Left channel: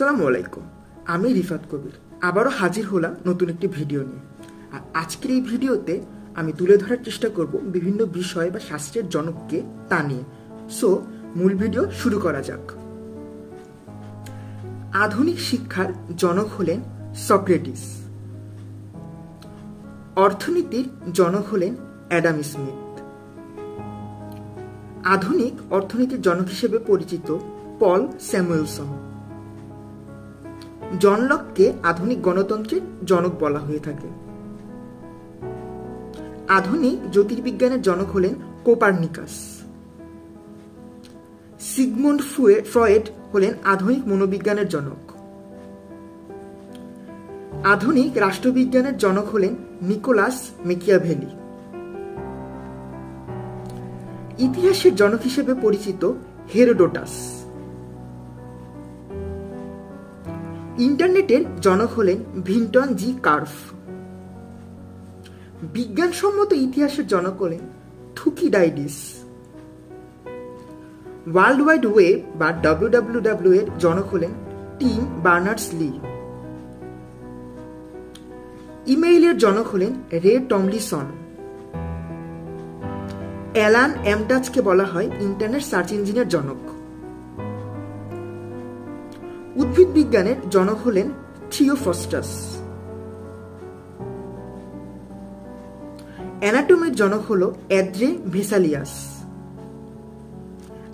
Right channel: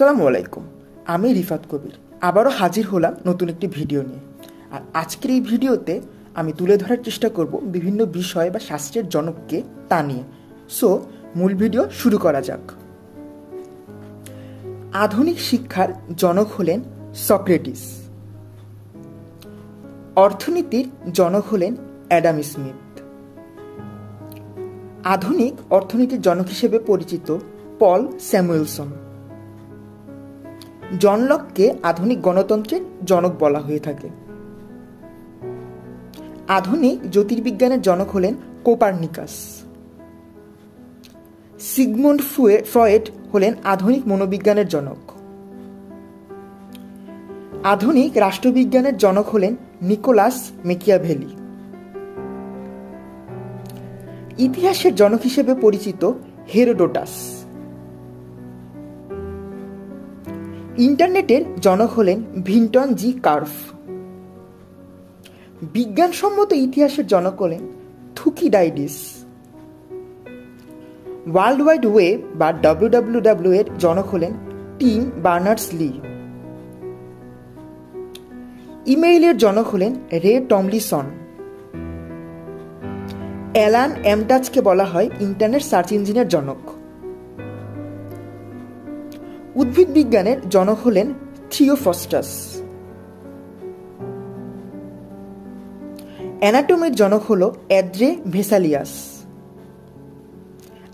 আসসালামু আলাইকুম। আমি রিফাত কবির আবারও হাজির হলাম নতুন একটি ভিডিও নিয়ে। আর আজকের এই ভিডিওতে আমি তুলে ধরার চেষ্টা করব বিভিন্ন বিষয় বা শাস্ত্রের জনককে তা নিয়ে। সো মূল ভিডিও শুরু করা যাক। আধুনিক শিক্ষার জনক হলেন সক্রেটিস। অর্থনীতির জনক হলেন অ্যাডাম স্মিথ। আধুনিক অর্থনীতির জনক হিসেবে পরিচিত পল স্যামুয়েলসন। জন লককে আধুনিক গণতন্ত্রের জনক বলা হয়ে থাকে। আধুনিক জ্যোতির্বিজ্ঞানের জনক হলেন কোপার্নিকাস। সিগমুন্ড ফ্রয়েড হলেন আধুনিক মনোবিজ্ঞানের জনক। আধুনিক রাষ্ট্রবিজ্ঞানের জনক হলেন নিকোলাস মেকিয়াভেলি। ইতিহাসের জনক হিসেবে পরিচিত হেরোডোটাস। ইন্টারনেটের জনক হলেন ভিন্টন জি কার্ফ। বিজ্ঞানসম্মত ইতিহাসের জনক হলেন থুকিডাইডিস। ওয়ার্ল্ড ওয়াইড ওয়েব বা WWW এর জনক হলেন টিম বার্নার্স লি। ইমেইলের জনক হলেন রে টমলিসন। অ্যালান অ্যামটাচকে বলা হয় ইন্টারনেট সার্চ ইঞ্জিনের জনক। উদ্ভিদ বিজ্ঞানের জনক হলেন থিওফস্টাস। অ্যানাটমির জনক হল অ্যাদ্রে ভেসালিয়াস।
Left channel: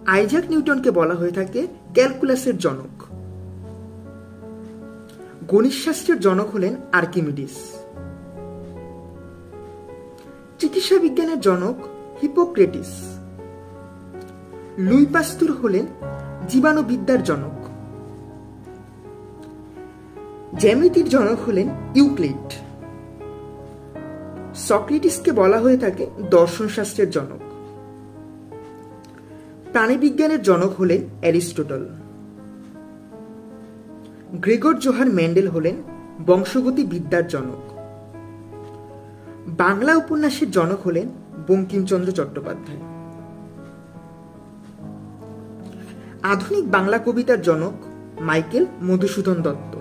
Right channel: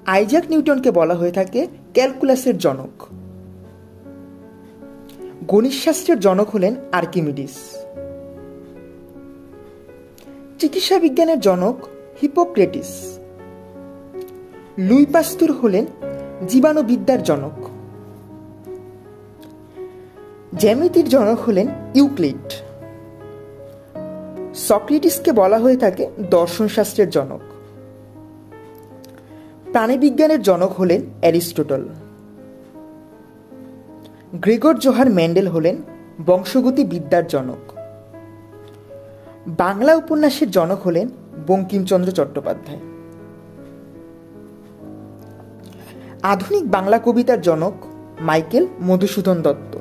আইজাক নিউটনকে বলা হয়ে থাকে ক্যালকুলাসের জনক। গণিতশাস্ত্রের জনক হলেন আর্কিমিডিস। চিকিৎসা বিজ্ঞানের জনক হিপোক্রেটিস। লুই পাস্তুর হলেন জীবাণুবিদ্যার জনক। জ্যামিতির জনক হলেন ইউক্লিড। সক্রেটিসকে বলা হয়ে থাকে দর্শনশাস্ত্রের জনক। প্রাণীবিজ্ঞানের জনক হলেন অ্যারিস্টটল। গ্রেগর জোহার মেন্ডেল হলেন বংশগতি বিদ্যার জনক। বাংলা উপন্যাসের জনক হলেন বঙ্কিমচন্দ্র চট্টোপাধ্যায়। আধুনিক বাংলা কবিতার জনক মাইকেল মধুসূদন দত্ত।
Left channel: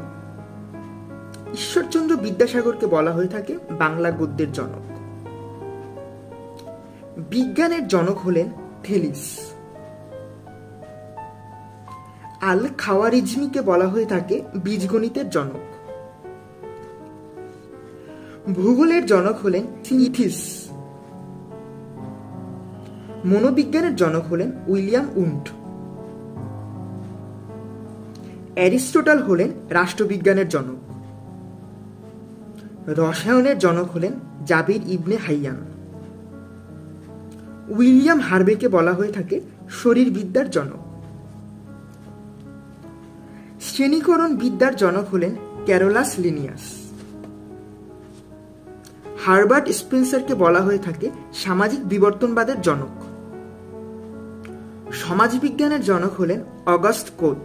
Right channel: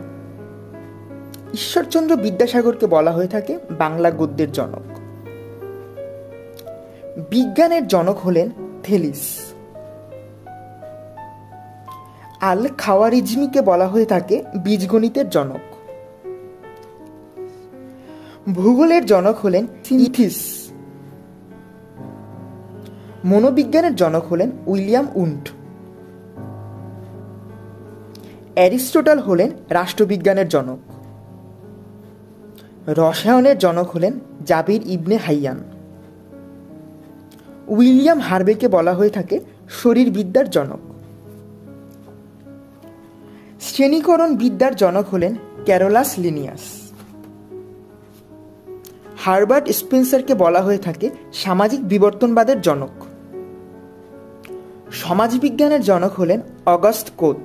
ঈশ্বরচন্দ্র বিদ্যাসাগরকে বলা হয়ে থাকে বাংলা গদ্যের জনক। বিজ্ঞানের জনক হলেন থেলিস। আল খাওয়ারিজমিকে বলা হয়ে থাকে বীজগণিতের জনক। ভূগোলের জনক হলেন ইথিস। মনোবিজ্ঞানের জনক হলেন উইলিয়াম উন্ট। অ্যারিস্টটল হলেন রাষ্ট্রবিজ্ঞানের জনক। রসায়নের জনক হলেন জাবির ইবনে হাইয়ান। উইলিয়াম হার্ভেকে বলা হয়ে থাকে শরীরবিদ্যার জনক। শ্রেণীকরণ বিদ্যার জনক হলেন ক্যারোলাস লিনিয়াস। হার্বার্ট স্পেন্সারকে বলা হয়ে থাকে সামাজিক বিবর্তনবাদের জনক। সমাজবিজ্ঞানের জনক হলেন অগাস্ট কোত।